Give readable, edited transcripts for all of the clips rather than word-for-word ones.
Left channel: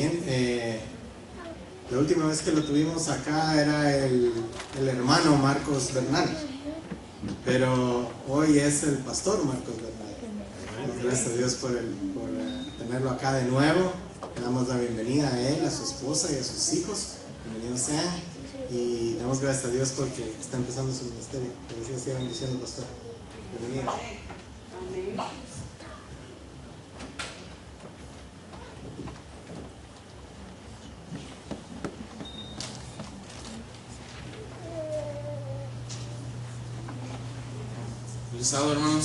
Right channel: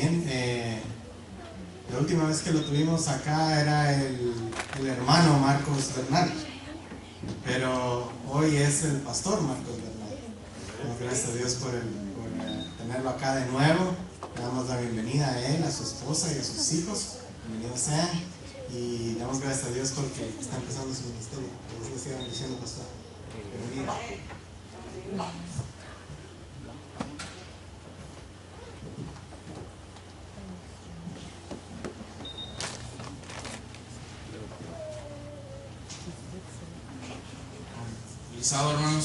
Bien, la última vez que lo tuvimos acá era el hermano Marcos Bernal, pero hoy es el pastor Marcos Bernal. Gracias a Dios por tenerlo acá de nuevo. Le damos la bienvenida a él, a su esposa y a sus hijos. Bienvenidos sean. Y damos gracias a Dios porque está empezando su ministerio. Que Dios siga bendiciendo, pastor. Bienvenido. Feliz sábado, hermanos.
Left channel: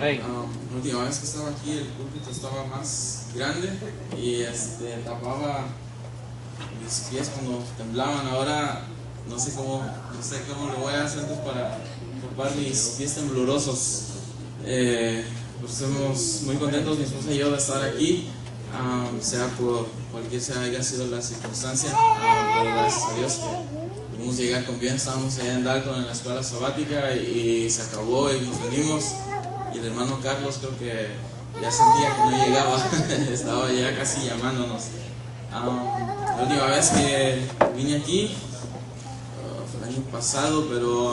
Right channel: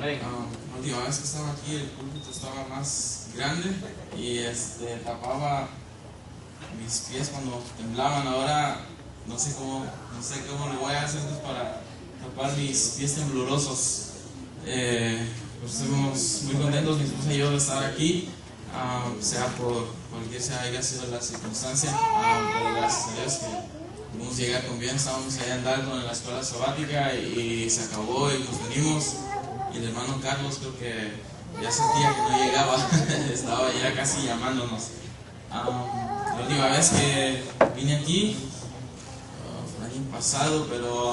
La última vez que estaba aquí el púlpito estaba más grande y tapaba mis pies cuando temblaban. Ahora no sé cómo le voy a hacer para tapar mis pies temblorosos. Pues estamos muy contentos, mi esposa y yo, de estar aquí, sea por haya sido la circunstancia, pero gracias a Dios que pudimos llegar con bien. Estábamos allá en Dalton en la escuela sabática y se acabó y nos venimos, y el hermano Carlos creo que ya sentía que no llegaba, estaba ya casi llamándonos. La última vez que vine aquí fue el año pasado, pero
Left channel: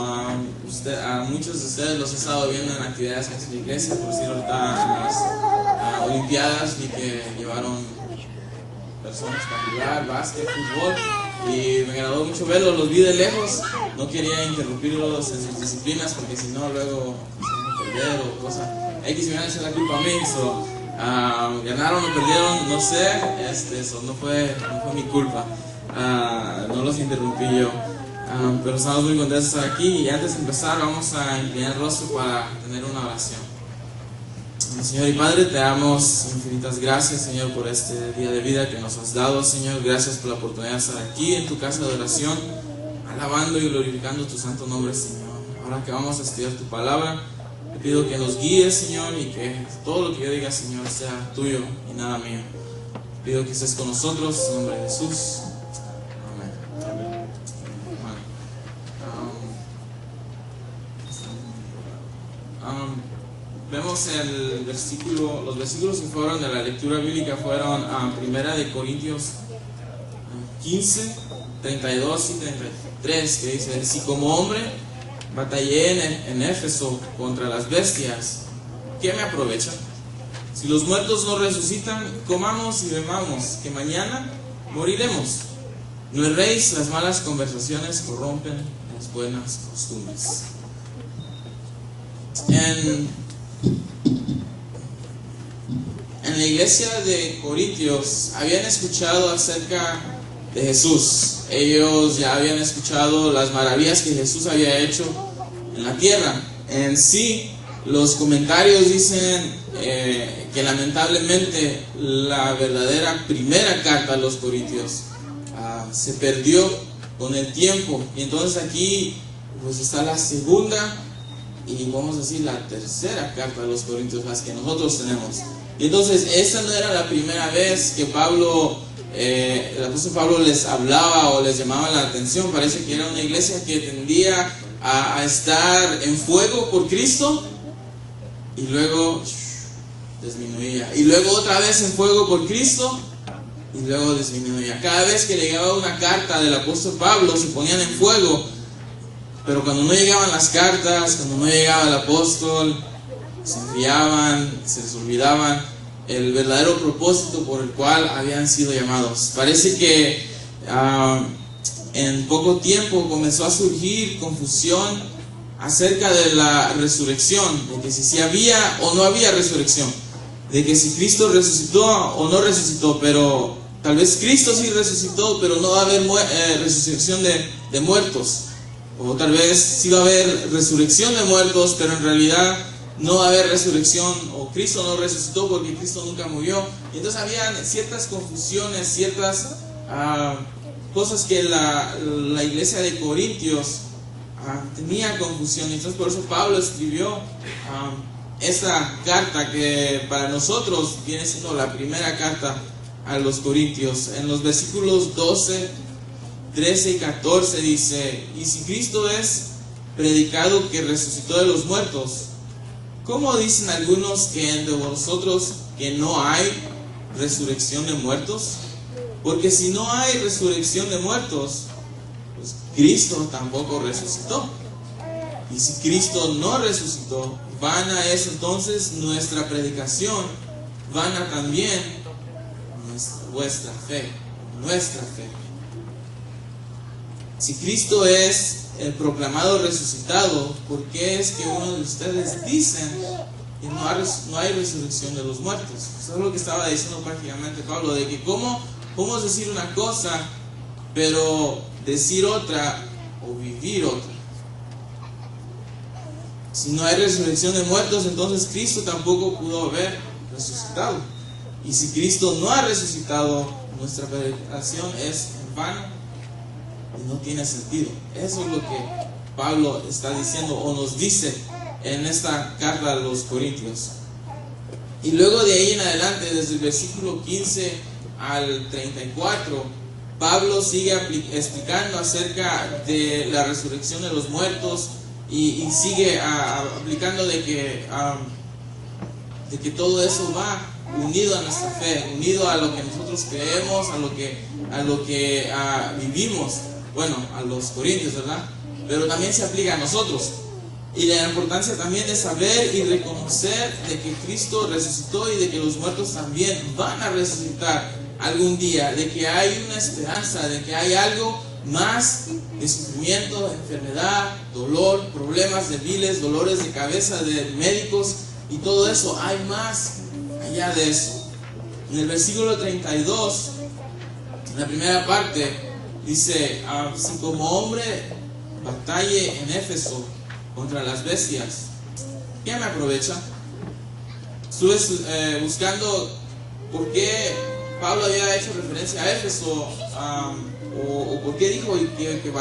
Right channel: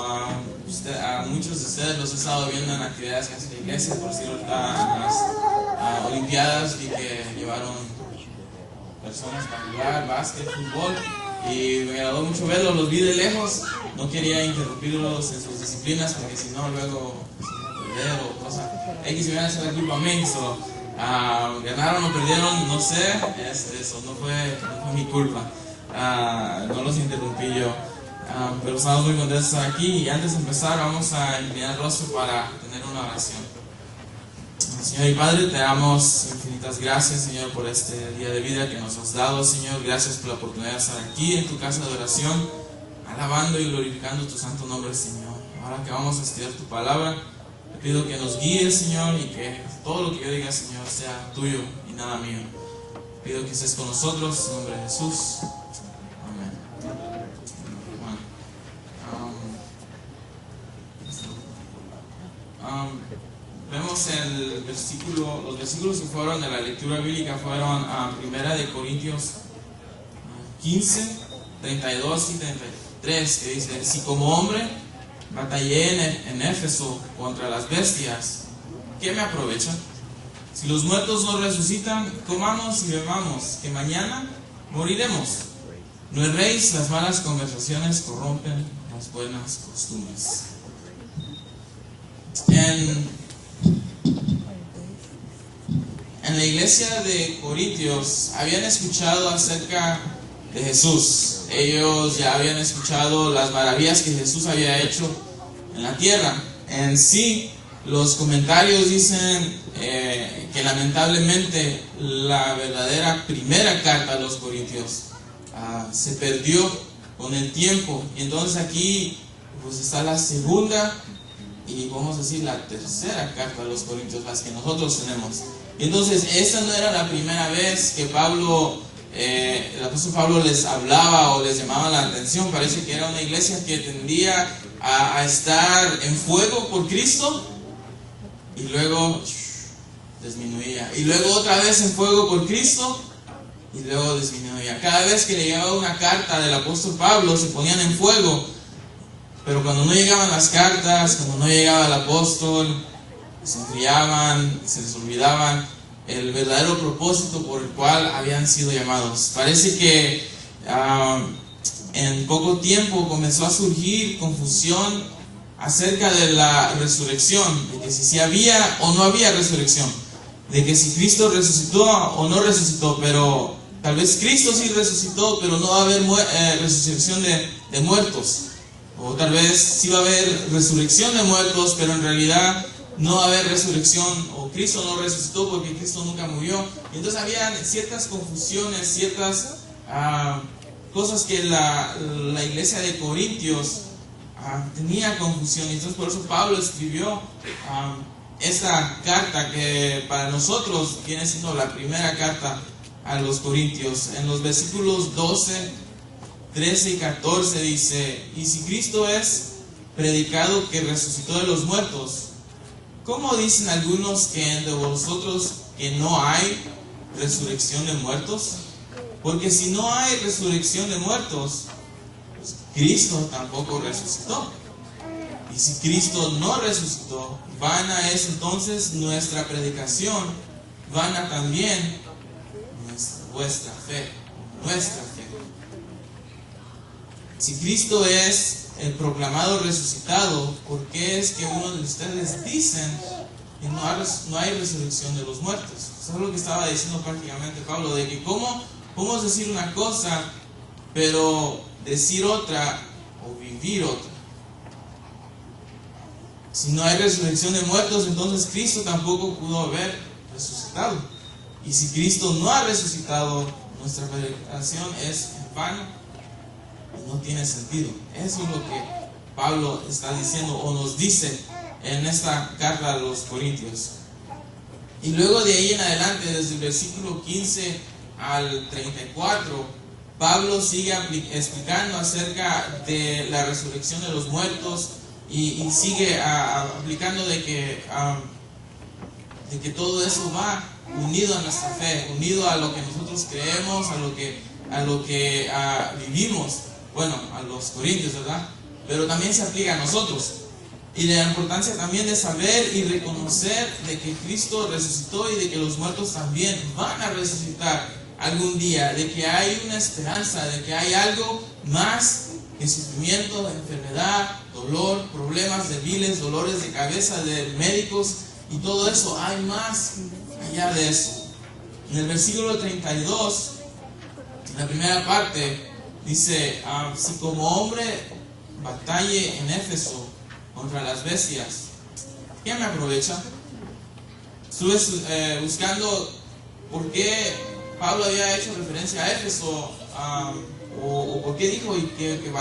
muchos de ustedes los he estado viendo en actividades en la iglesia. Por decir, ahorita en las olimpiadas vi que llevaron personas para jugar básquet, fútbol, y me agradó mucho verlos. Los vi de lejos, no quería interrumpirlos en sus disciplinas porque si no luego se van a perder o cosas. X me van a hacer la culpa a mí. Ganaron o perdieron, no sé, eso no fue mi culpa, no los interrumpí yo, pero estamos muy contentos de estar aquí. Y antes de empezar vamos a inclinar el rostro para tener una oración. Señor y Padre, te damos infinitas gracias, Señor, por este día de vida que nos has dado, Señor. Gracias por la oportunidad de estar aquí en tu casa de oración, alabando y glorificando tu santo nombre, Señor. Ahora que vamos a estudiar tu palabra, te pido que nos guíes, Señor, y que todo lo que yo diga, Señor, sea tuyo y nada mío. Te pido que estés con nosotros, en nombre de Jesús. Amén. Vemos los versículos que fueron de la lectura bíblica fueron a 1 Corintios 15, 32 y 33, que dice: si como hombre batallé en Éfeso contra las bestias, ¿qué me aprovecha? Si los muertos no resucitan, comamos y bebamos, que mañana moriremos. No erréis, las malas conversaciones corrompen las buenas costumbres. En la iglesia de Corintios habían escuchado acerca de Jesús. Ellos ya habían escuchado las maravillas que Jesús había hecho en la tierra. En sí, los comentarios dicen que lamentablemente la verdadera primera carta a los Corintios se perdió con el tiempo. Y entonces aquí pues está la segunda y vamos a decir la tercera carta a los Corintios, las que nosotros tenemos. Y entonces esta no era la primera vez que el apóstol Pablo les hablaba o les llamaba la atención. Parece que era una iglesia que tendía a estar en fuego por Cristo y luego disminuía, y luego otra vez en fuego por Cristo y luego disminuía. Cada vez que le llegaba una carta del apóstol Pablo se ponían en fuego, pero cuando no llegaban las cartas, cuando no llegaba el apóstol, se enfriaban, se les olvidaban el verdadero propósito por el cual habían sido llamados. Parece que en poco tiempo comenzó a surgir confusión acerca de la resurrección, de que si había o no había resurrección, de que si Cristo resucitó o no resucitó. Pero tal vez Cristo sí resucitó, pero no va a haber resurrección de muertos. O tal vez sí va a haber resurrección de muertos, pero en realidad no va a haber resurrección, o Cristo no resucitó porque Cristo nunca murió. Y entonces había ciertas confusiones, ciertas cosas que la iglesia de Corintios tenía confusión. Y entonces por eso Pablo escribió esta carta, que para nosotros viene siendo la primera carta a los Corintios. En los versículos 12, 13 y 14 dice: y si Cristo es predicado que resucitó de los muertos, ¿cómo dicen algunos que entre vosotros que no hay resurrección de muertos? Porque si no hay resurrección de muertos, pues Cristo tampoco resucitó. Y si Cristo no resucitó, vana es entonces nuestra predicación, vana también vuestra fe, nuestra fe. Si Cristo es el proclamado resucitado, ¿por qué es que uno de ustedes dicen que no hay resurrección de los muertos? Eso es lo que estaba diciendo prácticamente Pablo, de que cómo es decir una cosa, pero decir otra o vivir otra. Si no hay resurrección de muertos, entonces Cristo tampoco pudo haber resucitado. Y si Cristo no ha resucitado, nuestra predicación es en vano y no tiene sentido. Eso es lo que Pablo está diciendo o nos dice en esta carta a los Corintios. Y luego de ahí en adelante, desde el versículo 15 al 34, Pablo sigue explicando acerca de la resurrección de los muertos y sigue aplicando de que todo eso va unido a nuestra fe, unido a lo que nosotros creemos, a lo que vivimos. Bueno, a los corintios, ¿verdad? Pero también se aplica a nosotros. Y la importancia también de saber y reconocer de que Cristo resucitó y de que los muertos también van a resucitar algún día, de que hay una esperanza, de que hay algo más que sufrimiento, enfermedad, dolor, problemas de miles, dolores de cabeza de médicos y todo eso. Hay más allá de eso. En el versículo 32, en la primera parte, dice: si como hombre batalle en Éfeso contra las bestias, ¿qué me aprovecha? Estuve buscando por qué Pablo había hecho referencia a Éfeso, o por qué dijo que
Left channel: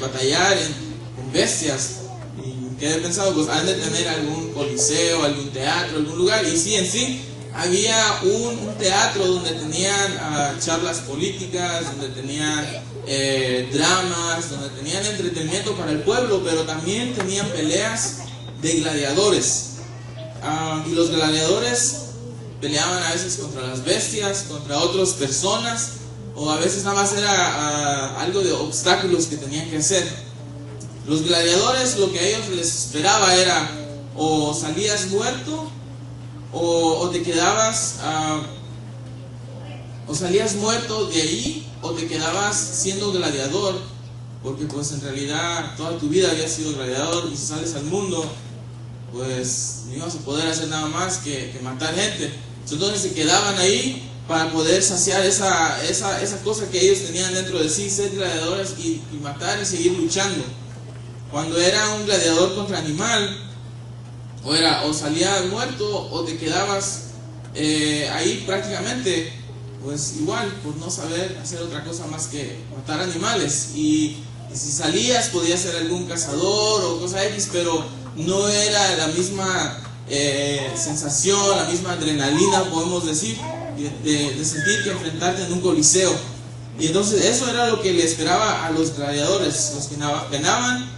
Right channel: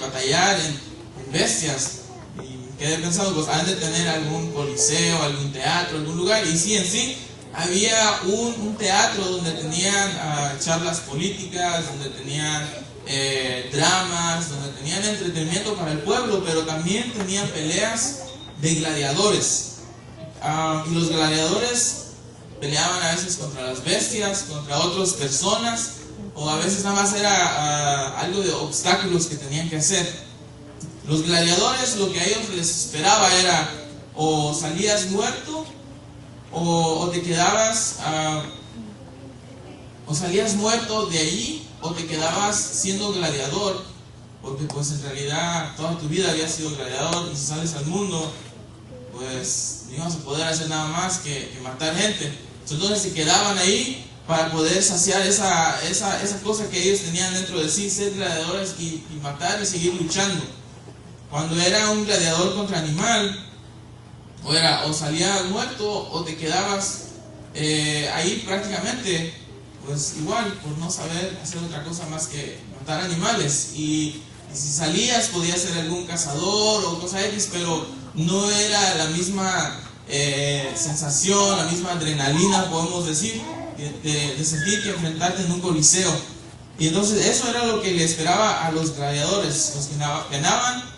batallar en bestias. Y quedé pensando, pues han de tener algún coliseo, algún teatro, algún lugar. Y sí, en sí había un teatro donde tenían charlas políticas, donde tenían dramas, donde tenían entretenimiento para el pueblo, pero también tenían peleas de gladiadores. Y los gladiadores peleaban a veces contra las bestias, contra otras personas, o a veces nada más era algo de obstáculos que tenían que hacer. Los gladiadores, lo que a ellos les esperaba era o salías muerto o te quedabas o salías muerto de ahí, o te quedabas siendo gladiador, porque pues en realidad toda tu vida habías sido gladiador, y si sales al mundo pues no ibas a poder hacer nada más que matar gente. Entonces se quedaban ahí para poder saciar esa cosa que ellos tenían dentro de sí, ser gladiadores y matar y seguir luchando. Cuando era un gladiador contra animal, o salías muerto o te quedabas ahí prácticamente, pues igual, por no saber hacer otra cosa más que matar animales. Y si salías podías ser algún cazador o cosa X, pero no era la misma sensación, la misma adrenalina, podemos decir, de sentir que enfrentarte en un coliseo. Y entonces eso era lo que le esperaba a los gladiadores. Los que ganaban,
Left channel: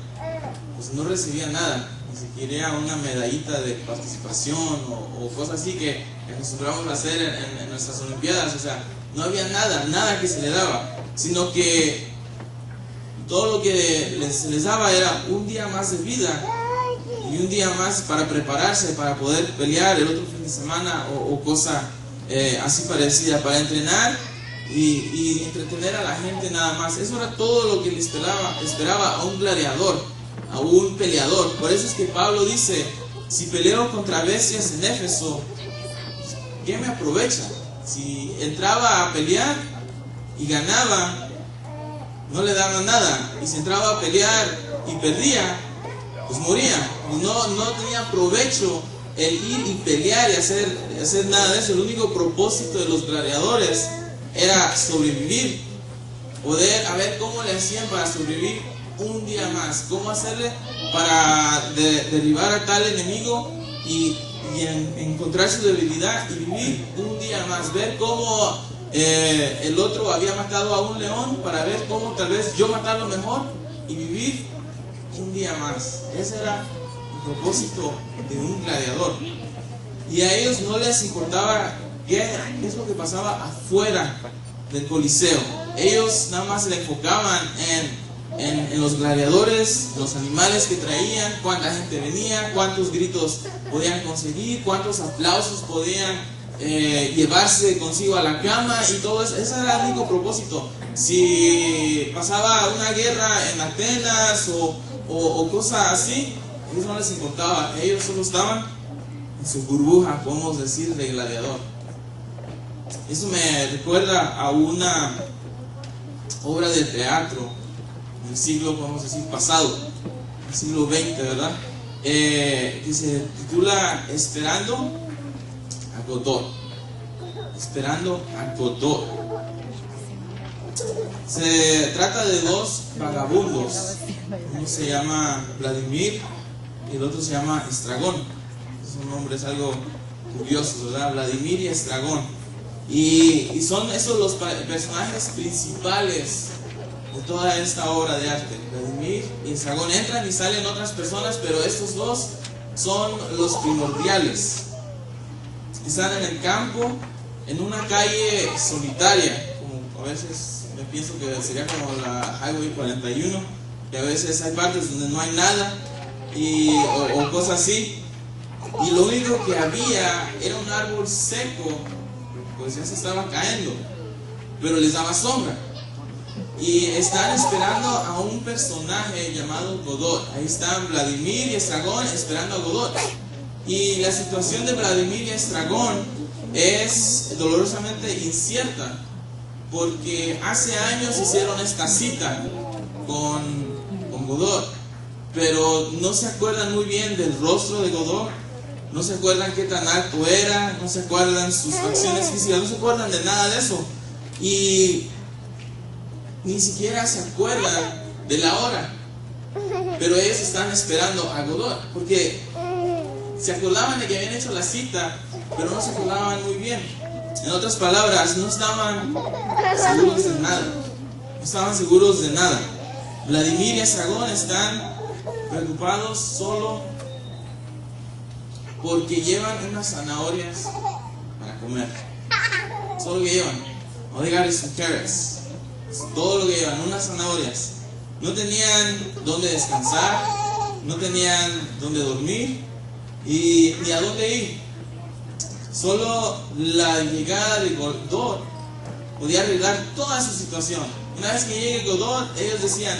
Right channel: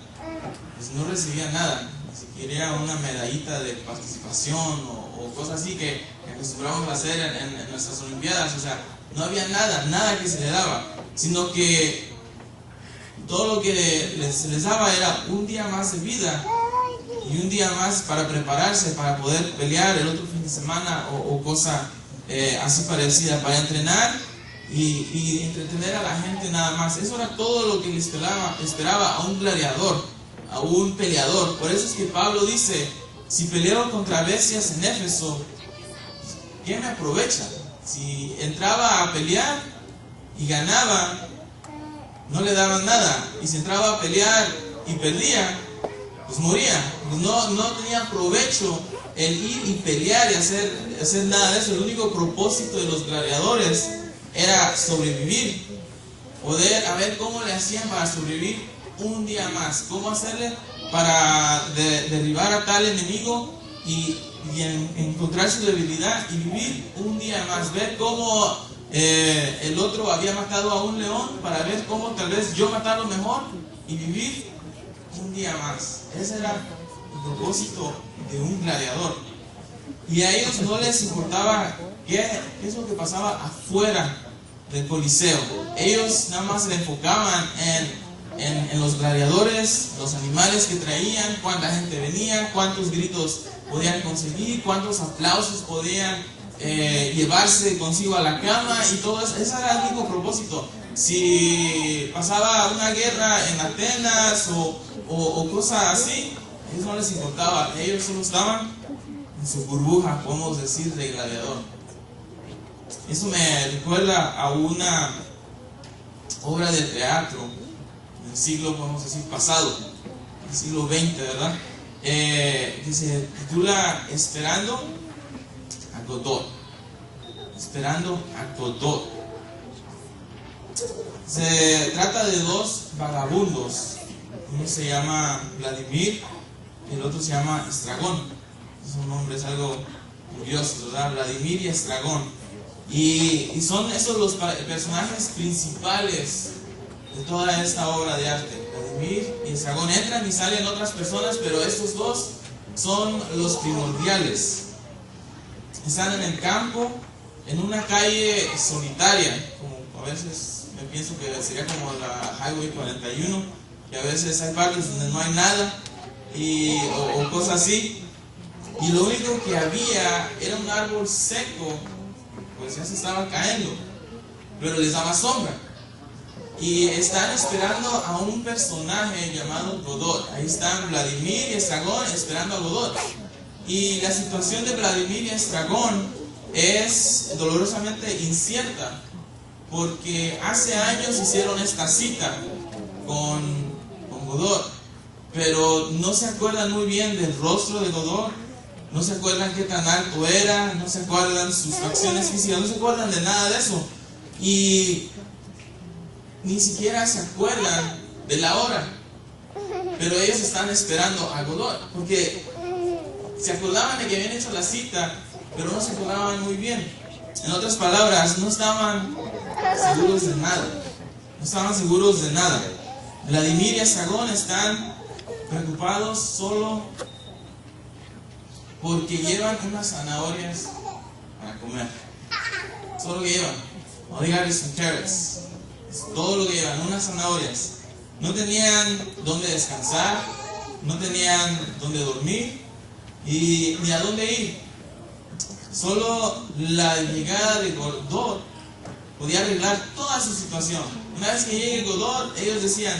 pues no recibían nada, ni siquiera una medallita de participación o cosas así que acostumbramos a hacer en nuestras olimpiadas. O sea, no había nada que se le daba, sino que todo lo que se les daba era un día más de vida y un día más para prepararse, para poder pelear el otro fin de semana o cosa así parecida, para entrenar y entretener a la gente nada más. Eso era todo lo que le esperaba a un gladiador, a un peleador. Por eso es que Pablo dice: si peleo contra bestias en Éfeso, ¿qué me aprovecha? Si entraba a pelear y ganaba, no le daban nada. Y si entraba a pelear y perdía, pues moría. Pues no tenía provecho el ir y pelear y hacer nada de eso. El único propósito de los gladiadores era sobrevivir, poder a ver cómo le hacían para sobrevivir un día más, cómo hacerle para derribar a tal enemigo y encontrar su debilidad y vivir un día más, ver cómo el otro había matado a un león, para ver cómo tal vez yo matarlo mejor y vivir un día más. Ese era el propósito de un gladiador. Y a ellos no les importaba qué es lo que pasaba afuera del Coliseo. Ellos nada más se enfocaban en los gladiadores, los animales que traían, cuánta gente venía, cuántos gritos podían conseguir, cuántos aplausos podían llevarse consigo a la cama, y todo eso. Ese era el único propósito. Si pasaba una guerra en Atenas o cosas así, a ellos no les importaba. Ellos solo estaban en su burbuja, podemos decir, de gladiador. Eso me recuerda a una obra de teatro del siglo, podemos decir, pasado, el siglo XX, ¿verdad? Que se titula Esperando a Godot. Esperando a Godot. Se trata de dos vagabundos. Uno se llama Vladimir y el otro se llama Estragón. Son nombres algo curiosos, ¿verdad? Vladimir y Estragón. Y son esos los personajes principales de toda esta obra de arte. Vladimir y Estragón. Entran y salen otras personas, pero estos dos son los primordiales. Están en el campo, en una calle solitaria, como a veces yo pienso que sería como la Highway 41, que a veces hay partes donde no hay nada o cosas así, y lo único que había era un árbol seco, pues ya se estaba cayendo, pero les daba sombra. Y están esperando a un personaje llamado Godot. Ahí están Vladimir y Estragón esperando a Godot. Y la situación de Vladimir y Estragón es dolorosamente incierta, porque hace años hicieron esta cita con Godot, pero no se acuerdan muy bien del rostro de Godot, no se acuerdan qué tan alto era, no se acuerdan sus facciones físicas, no se acuerdan de nada de eso, y ni siquiera se acuerdan de la hora, pero ellos están esperando a Godot, porque se acordaban de que habían hecho la cita, pero no se acordaban muy bien. En otras palabras, no estaban seguros de nada. No estaban seguros de nada. Vladimir y Estragón están preocupados solo porque llevan unas zanahorias para comer. Solo lo que llevan. All they got is some carrots. Es todo lo que llevan, unas zanahorias. No tenían dónde descansar, no tenían dónde dormir y ni a dónde ir. Solo la llegada de Godot podía arreglar toda su situación. Una vez que llegue Godot, ellos decían,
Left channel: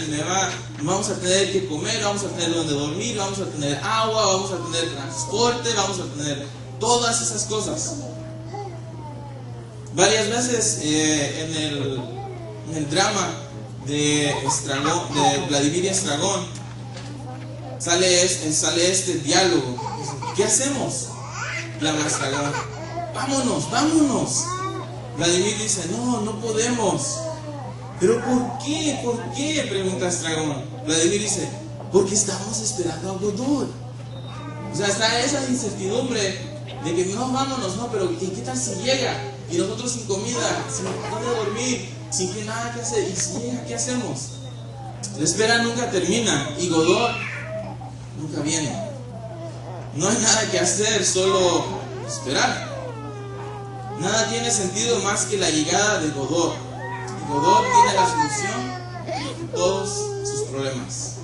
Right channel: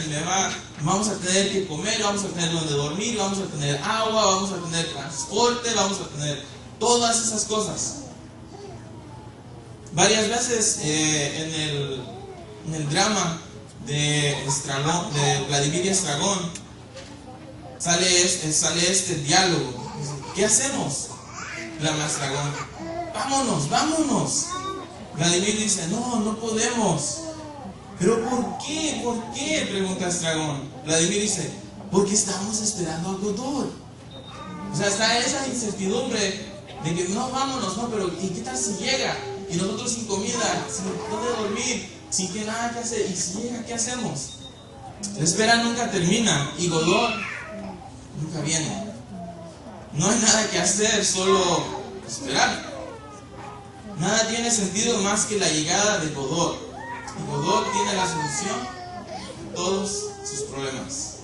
vamos a tener que comer, vamos a tener donde dormir, vamos a tener agua, vamos a tener transporte, vamos a tener todas esas cosas. Varias veces en el drama de Vladimir y Estragón sale este diálogo. ¿Qué hacemos? Clama Estragón, vámonos. Vladimir dice, no podemos. ¿Pero por qué? Pregunta Estragón. Vladimir dice, porque estamos esperando a Godot. O sea, está esa incertidumbre de que vámonos, pero ¿y qué tal si llega? Y nosotros sin comida, sin dónde dormir, sin que nada que hacer. ¿Y si llega, qué hacemos? La espera nunca termina y Godot nunca viene. No hay nada que hacer, solo esperar. Nada tiene sentido más que la llegada de Godot. Y Godot tiene la solución a todos sus problemas.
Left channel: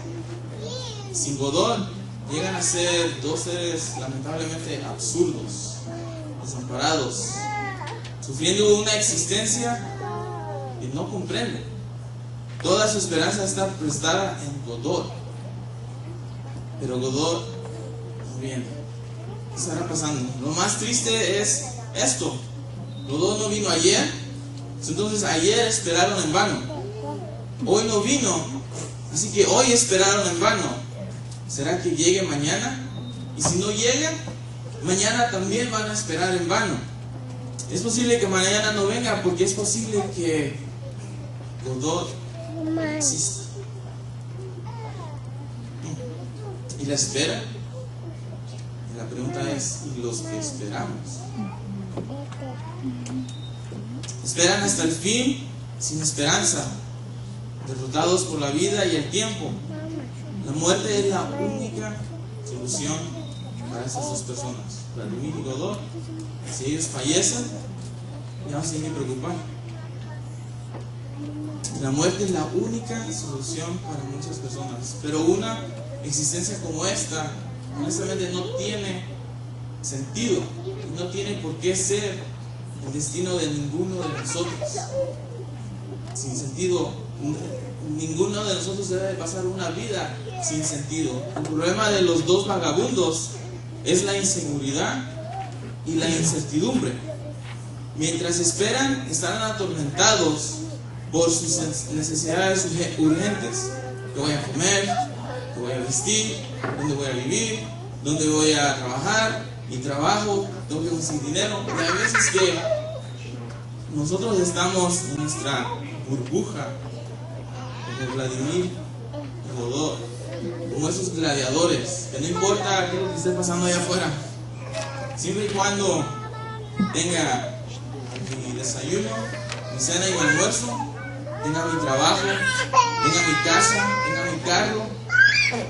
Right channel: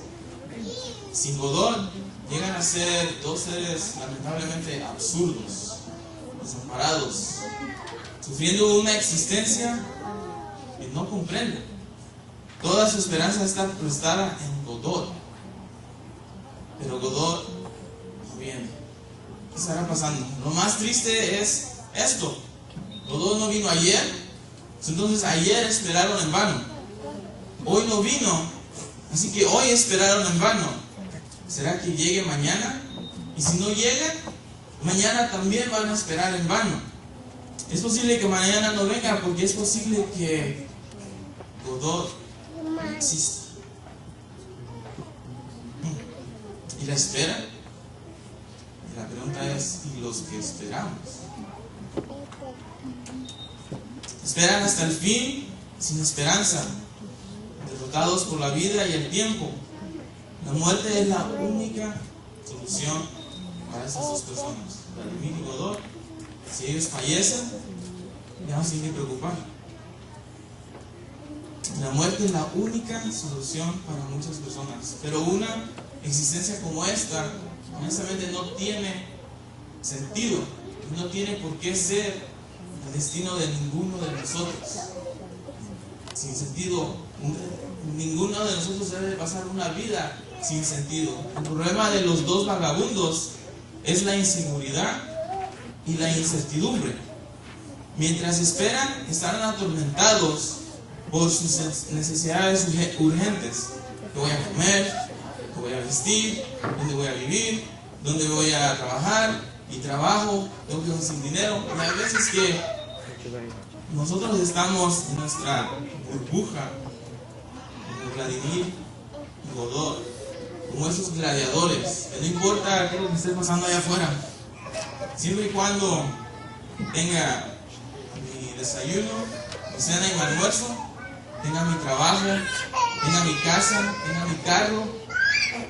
Sin Godot llegan a ser dos seres lamentablemente absurdos, desamparados, sufriendo una existencia que no comprenden. Toda su esperanza está prestada en Godot, pero Godot no viene. ¿Qué estará pasando? Lo más triste es esto: Godot no vino ayer, entonces ayer esperaron en vano. Hoy no vino, así que hoy esperaron en vano. ¿Será que llegue mañana? Y si no llega, mañana también van a esperar en vano. Es posible que mañana no venga, porque es posible que Godot no exista. ¿Y la espera? Y la pregunta es, ¿y los que esperamos? Esperan hasta el fin sin esperanza, derrotados por la vida y el tiempo. La muerte es la única solución para esas dos personas, Vladimir y Godot. Si ellos fallecen, ya no se tienen que preocupar. La muerte es la única solución para muchas personas. Pero una existencia como esta, honestamente, no tiene sentido. No tiene por qué ser el destino de ninguno de nosotros. Sin sentido. Ninguno de nosotros debe pasar una vida sin sentido. El problema de los dos vagabundos es la inseguridad y la incertidumbre. Mientras esperan, estarán atormentados por sus necesidades urgentes. ¿Qué voy a comer? ¿Qué voy a vestir? ¿Dónde voy a vivir? ¿Dónde voy a trabajar? Mi trabajo, tengo que conseguir dinero. Y hay veces que nosotros estamos en nuestra burbuja, como Vladimir y Godot, como esos gladiadores, que no importa qué es lo que esté pasando allá afuera, siempre y cuando tenga mi desayuno, mi cena y mi almuerzo, tenga mi trabajo, tenga mi casa, tenga mi carro,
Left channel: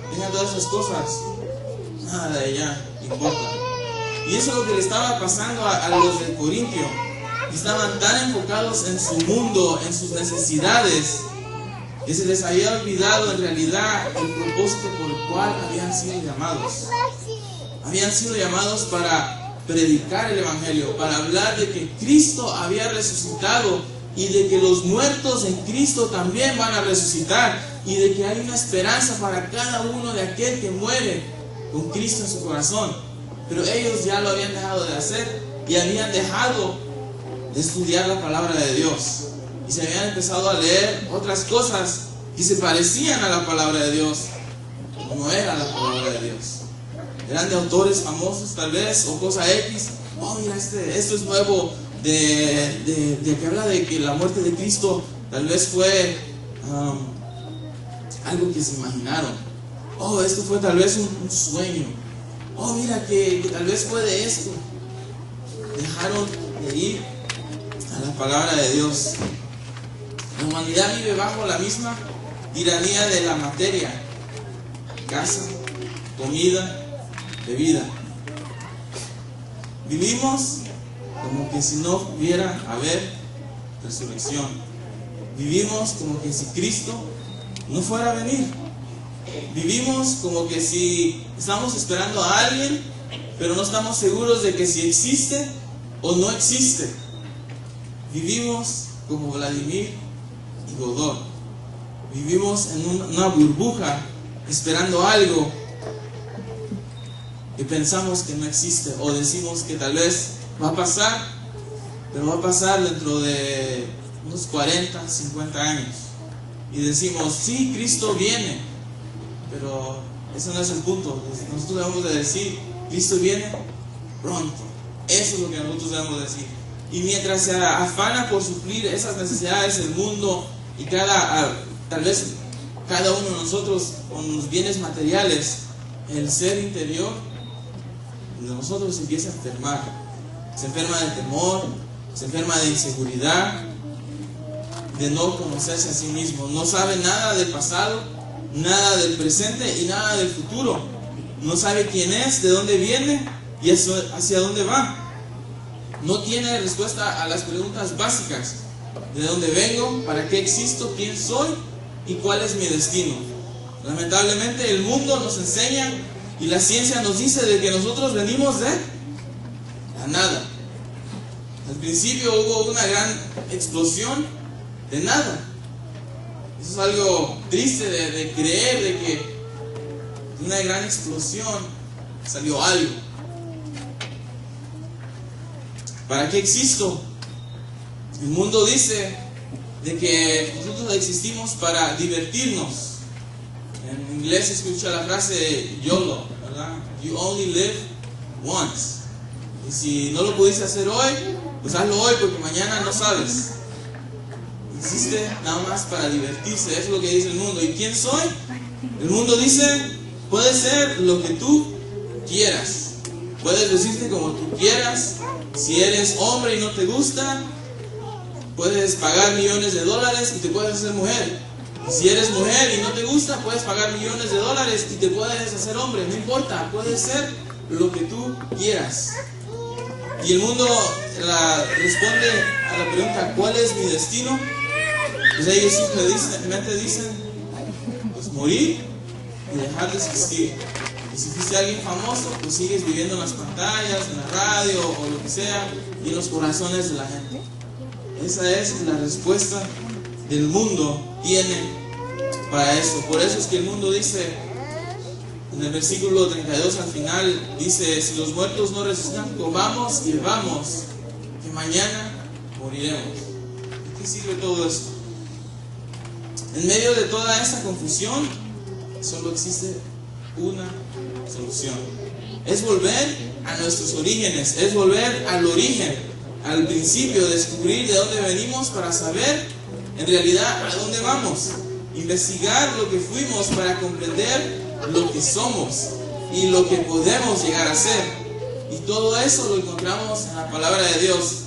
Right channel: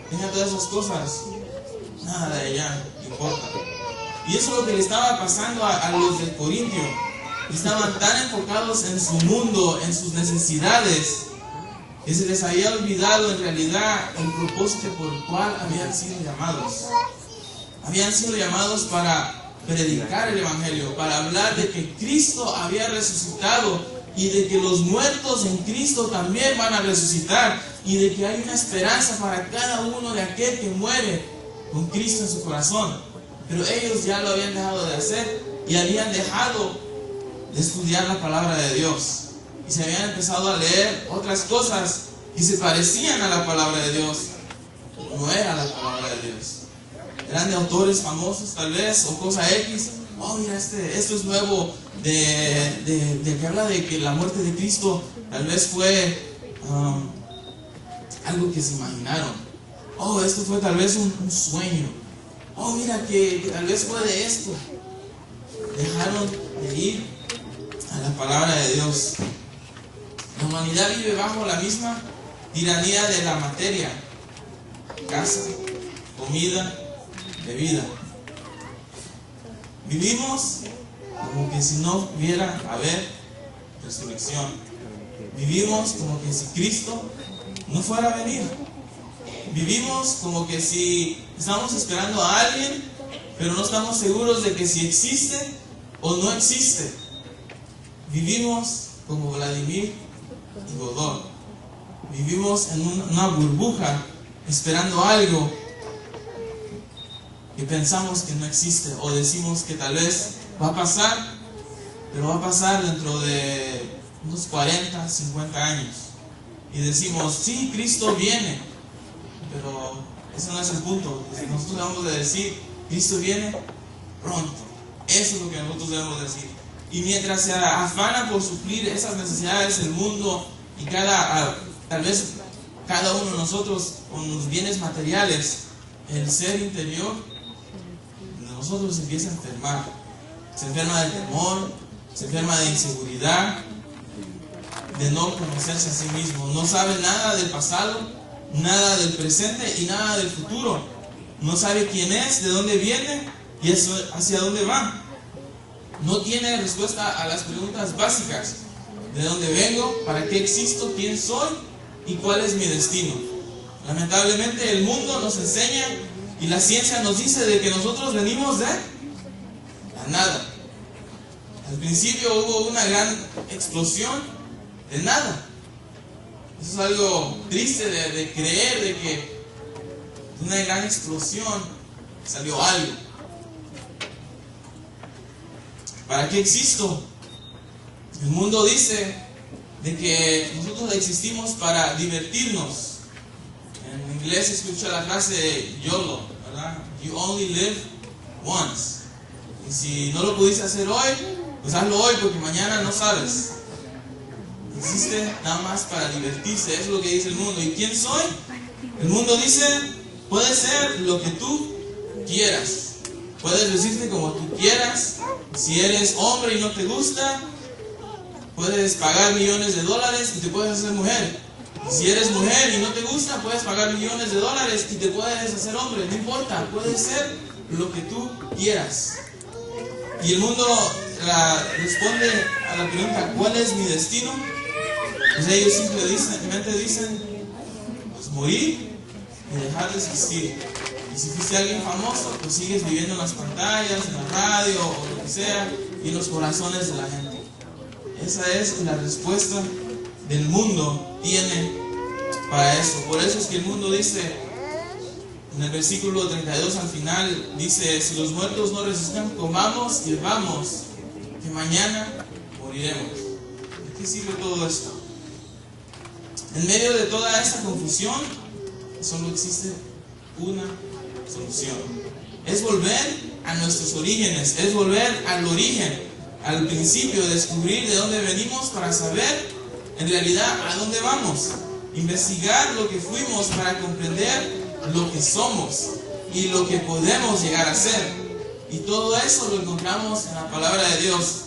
tenga todas esas cosas, nada de allá importa. Y eso es lo que le estaba pasando a los de Corintio. Estaban tan enfocados en su mundo, en sus necesidades, que se les había olvidado en realidad el propósito por el cual habían sido llamados. Habían sido llamados para predicar el Evangelio, para hablar de que Cristo había resucitado y de que los muertos en Cristo también van a resucitar y de que hay una esperanza para cada uno de aquel que muere con Cristo en su corazón. Pero ellos ya lo habían dejado de hacer y habían dejado de estudiar la palabra de Dios y se habían empezado a leer otras cosas que se parecían a la palabra de Dios, no era la palabra de Dios. Eran de autores famosos tal vez, o cosa X. Oh, mira, esto es nuevo, de que habla de que la muerte de Cristo tal vez fue algo que se imaginaron. Oh, esto fue tal vez un sueño. Oh, mira, que tal vez fue de esto. Dejaron de ir a la palabra de Dios. La humanidad vive bajo la misma tiranía de la materia: casa, comida, bebida. Vivimos como que si no hubiera haber resurrección. Vivimos como que si Cristo no fuera a venir. Vivimos como que si estamos esperando a alguien, pero no estamos seguros de que si existe o no existe. Vivimos como Vladimir y Godot. Vivimos en una burbuja esperando algo que pensamos que no existe, o decimos que tal vez va a pasar, pero va a pasar dentro de unos 40, 50 años. Y decimos, sí, Cristo viene, pero ese no es el punto. Nosotros debemos de decir, Cristo viene pronto. Eso es lo que nosotros debemos decir. Y mientras se afana por suplir esas necesidades del mundo y tal vez cada uno de nosotros con los bienes materiales, el ser interior de nosotros se empieza a enfermar. Se enferma de temor, se enferma de inseguridad, de no conocerse a sí mismo. No sabe nada del pasado, nada del presente y nada del futuro. No sabe quién es, de dónde viene y hacia dónde va. No tiene respuesta a las preguntas básicas: ¿de dónde vengo? ¿Para qué existo? ¿Quién soy? ¿Y cuál es mi destino? Lamentablemente el mundo nos enseña y la ciencia nos dice de que nosotros venimos de la nada. Al principio hubo una gran explosión de nada. Eso es algo triste de creer, de que de una gran explosión salió algo. ¿Para qué existo? El mundo dice de que nosotros existimos para divertirnos. En inglés se escucha la frase YOLO, ¿verdad? You only live once. Y si no lo pudiste hacer hoy, pues hazlo hoy, porque mañana no sabes. Existe nada más para divertirse. Eso es lo que dice el mundo. ¿Y quién soy? El mundo dice, puedes ser lo que tú quieras. Puedes vestirte como tú quieras. Si eres hombre y no te gusta, puedes pagar millones de dólares y te puedes hacer mujer. Si eres mujer y no te gusta, puedes pagar millones de dólares y te puedes hacer hombre. No importa, puedes ser lo que tú quieras. Y el mundo responde a la pregunta, ¿cuál es mi destino? Pues ellos simplemente dicen, pues morir y dejar de existir. Y si fuiste alguien famoso, pues sigues viviendo en las pantallas, en la radio o lo que sea, y en los corazones de la gente. Esa es la respuesta del mundo tiene para eso. Por eso es que el mundo dice, en el versículo 32 al final, dice: si los muertos no resucitan, comamos y bebamos, que mañana moriremos. ¿De qué sirve todo esto? En medio de toda esta confusión, solo existe una solución. Es volver a nuestros orígenes, es volver al origen, al principio, descubrir de dónde venimos para saber en realidad a dónde vamos. Investigar lo que fuimos para comprender lo que somos y lo que podemos llegar a ser. Y todo eso lo encontramos en la palabra de Dios.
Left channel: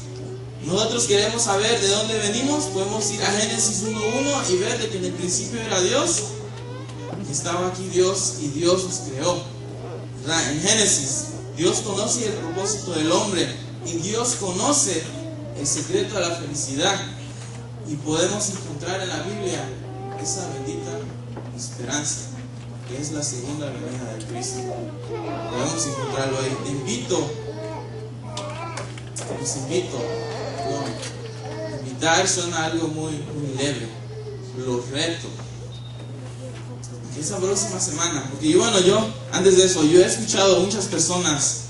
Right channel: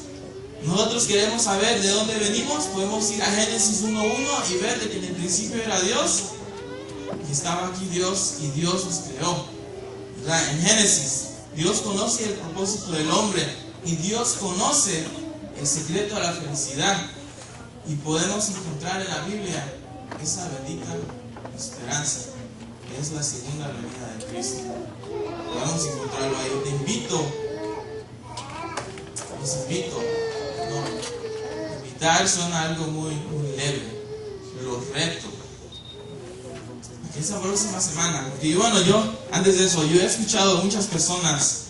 Nosotros queremos saber de dónde venimos, podemos ir a Génesis 1:1 y ver de que en el principio era Dios, que estaba aquí Dios y Dios nos creó. En Génesis, Dios conoce el propósito del hombre y Dios conoce el secreto de la felicidad. Y podemos encontrar en la Biblia esa bendita esperanza, que es la segunda venida de Cristo. Podemos encontrarlo ahí. Invitar suena algo muy leve. Lo reto. Esa próxima semana, porque yo antes de eso, yo he escuchado a muchas personas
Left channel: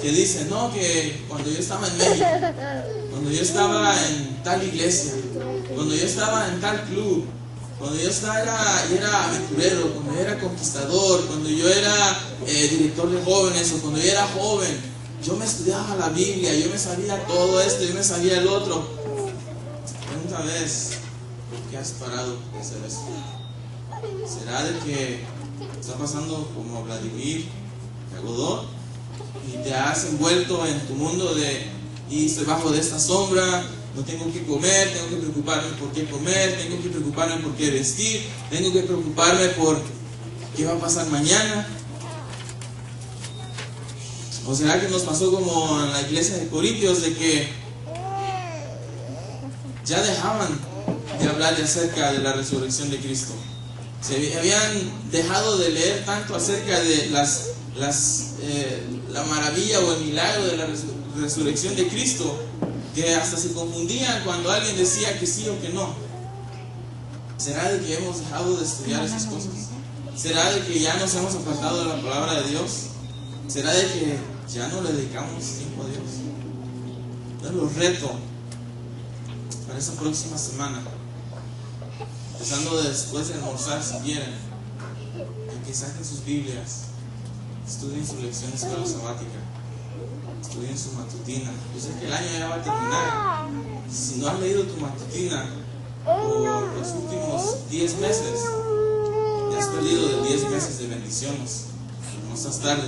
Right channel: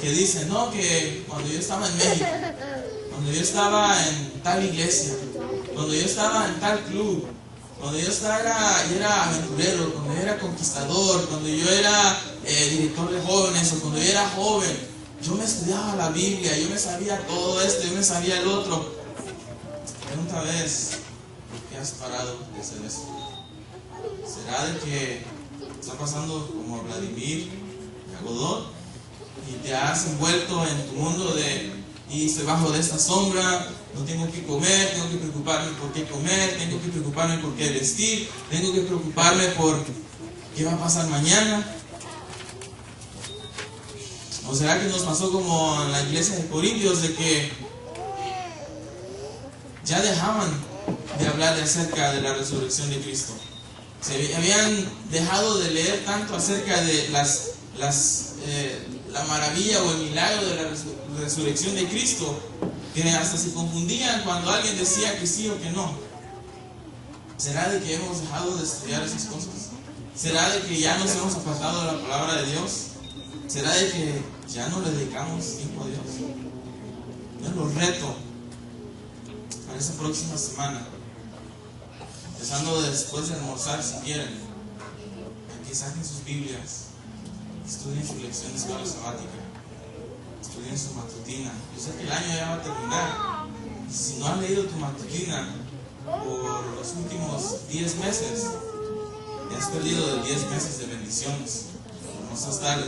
que dicen, no, que cuando yo estaba en México, cuando yo estaba en tal iglesia, cuando yo estaba en tal club, cuando yo era aventurero, cuando yo era conquistador, cuando yo era director de jóvenes o cuando yo era joven, yo me estudiaba la Biblia, yo me sabía todo esto, yo me sabía el otro. Pregunta vez, ¿por qué has parado de hacer eso? ¿Será de que está pasando como Vladimir Yagodot y te has envuelto en tu mundo y estoy bajo de esta sombra, no tengo que comer, tengo que preocuparme por qué comer, tengo que preocuparme por qué vestir, tengo que preocuparme por qué va a pasar mañana? ¿O será que nos pasó como en la iglesia de Corintios, de que ya dejaban de hablar acerca de la resurrección de Cristo? Se habían dejado de leer tanto acerca de la maravilla o el milagro de la resurrección de Cristo, que hasta se confundían cuando alguien decía que sí o que no. ¿Será de que hemos dejado de estudiar esas cosas? ¿Será de que ya nos hemos apartado de la palabra de Dios? ¿Será de que ya no le dedicamos tiempo a Dios? Entonces los reto para esa próxima semana, empezando después de almorzar, si quieren, a que saquen sus Biblias, estudien su lección de escuela sabática, estudien su matutina. Yo sé que el año ya va a terminar. Si no has leído tu matutina por los últimos 10 meses, ya has perdido de 10 meses de bendiciones. No seas tarde,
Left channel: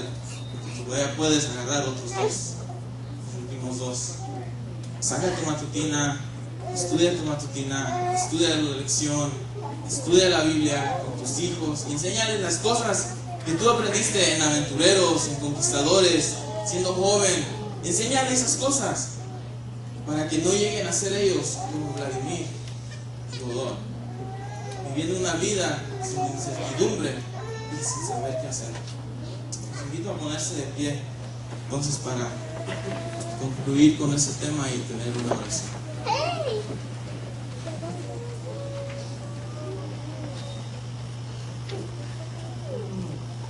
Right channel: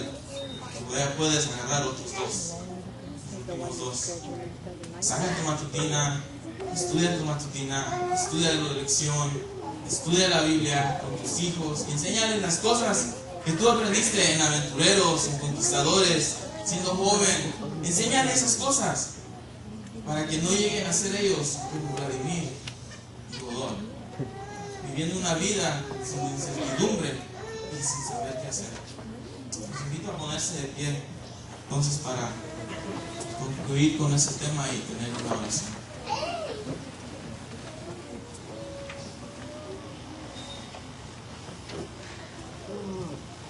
ya puedes agarrar otros 2, los últimos 2. Saca tu matutina, estudia tu matutina, estudia la lección, estudia la Biblia con tus hijos y enséñales las cosas que tú aprendiste en aventureros, en conquistadores, siendo joven. Enséñales esas cosas para que no lleguen a ser ellos como Vladimir y Godot, viviendo una vida sin incertidumbre y sin saber qué hacer. Los invito a ponerse de pie entonces para concluir con ese tema y tener una oración.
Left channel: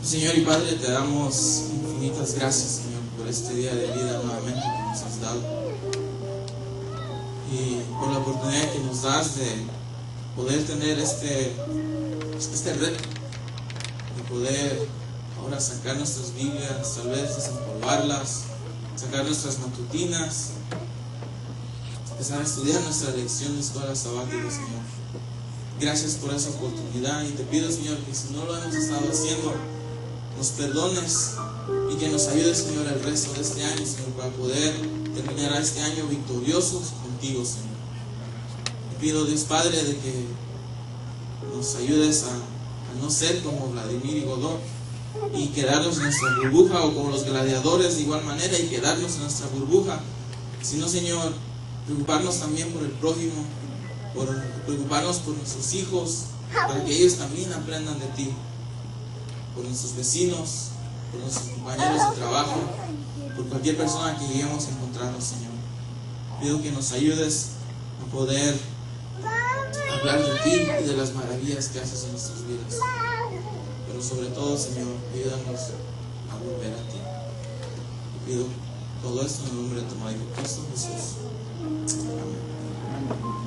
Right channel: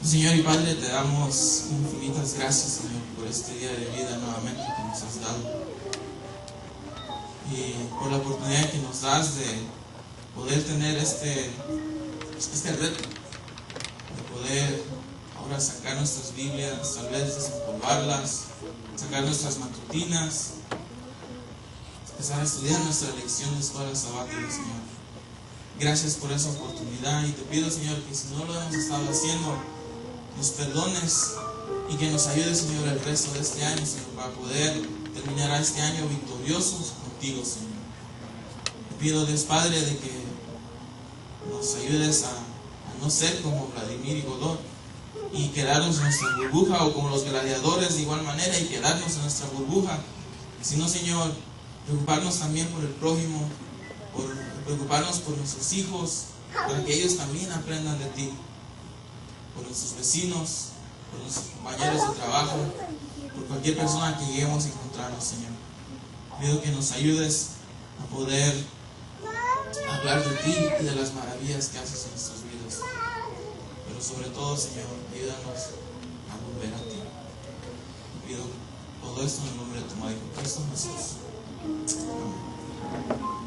Señor y Padre, te damos infinitas gracias, Señor, por este día de vida nuevamente que nos has dado y por la oportunidad que nos das de poder tener este reto, de poder ahora sacar nuestras Biblias, tal vez desempolvarlas, sacar nuestras matutinas, empezar a estudiar nuestra lección de escuela sabática, Señor. Gracias por esa oportunidad y te pido, Señor, que si no lo hemos estado haciendo, nos perdones y que nos ayudes, Señor, el resto de este año, Señor, para poder terminar este año victoriosos contigo, Señor. Te pido, Dios Padre, de que nos ayudes a no ser como Vladimir y Godot y quedarnos en nuestra burbuja, o como los gladiadores de igual manera y quedarnos en nuestra burbuja, sino, Señor, preocuparnos también por el prójimo, por preocuparnos por nuestros hijos, para que ellos también aprendan de ti, por nuestros vecinos, por nuestros compañeros de trabajo, por cualquier persona que lleguemos a encontrarnos, Señor. Pido que nos ayudes a poder hablar de ti y de las maravillas que haces en nuestras vidas. Pero sobre todo, Señor, ayúdanos a volver a ti. Te pido todo esto en el nombre de tu Hijo Cristo Jesús. Amén.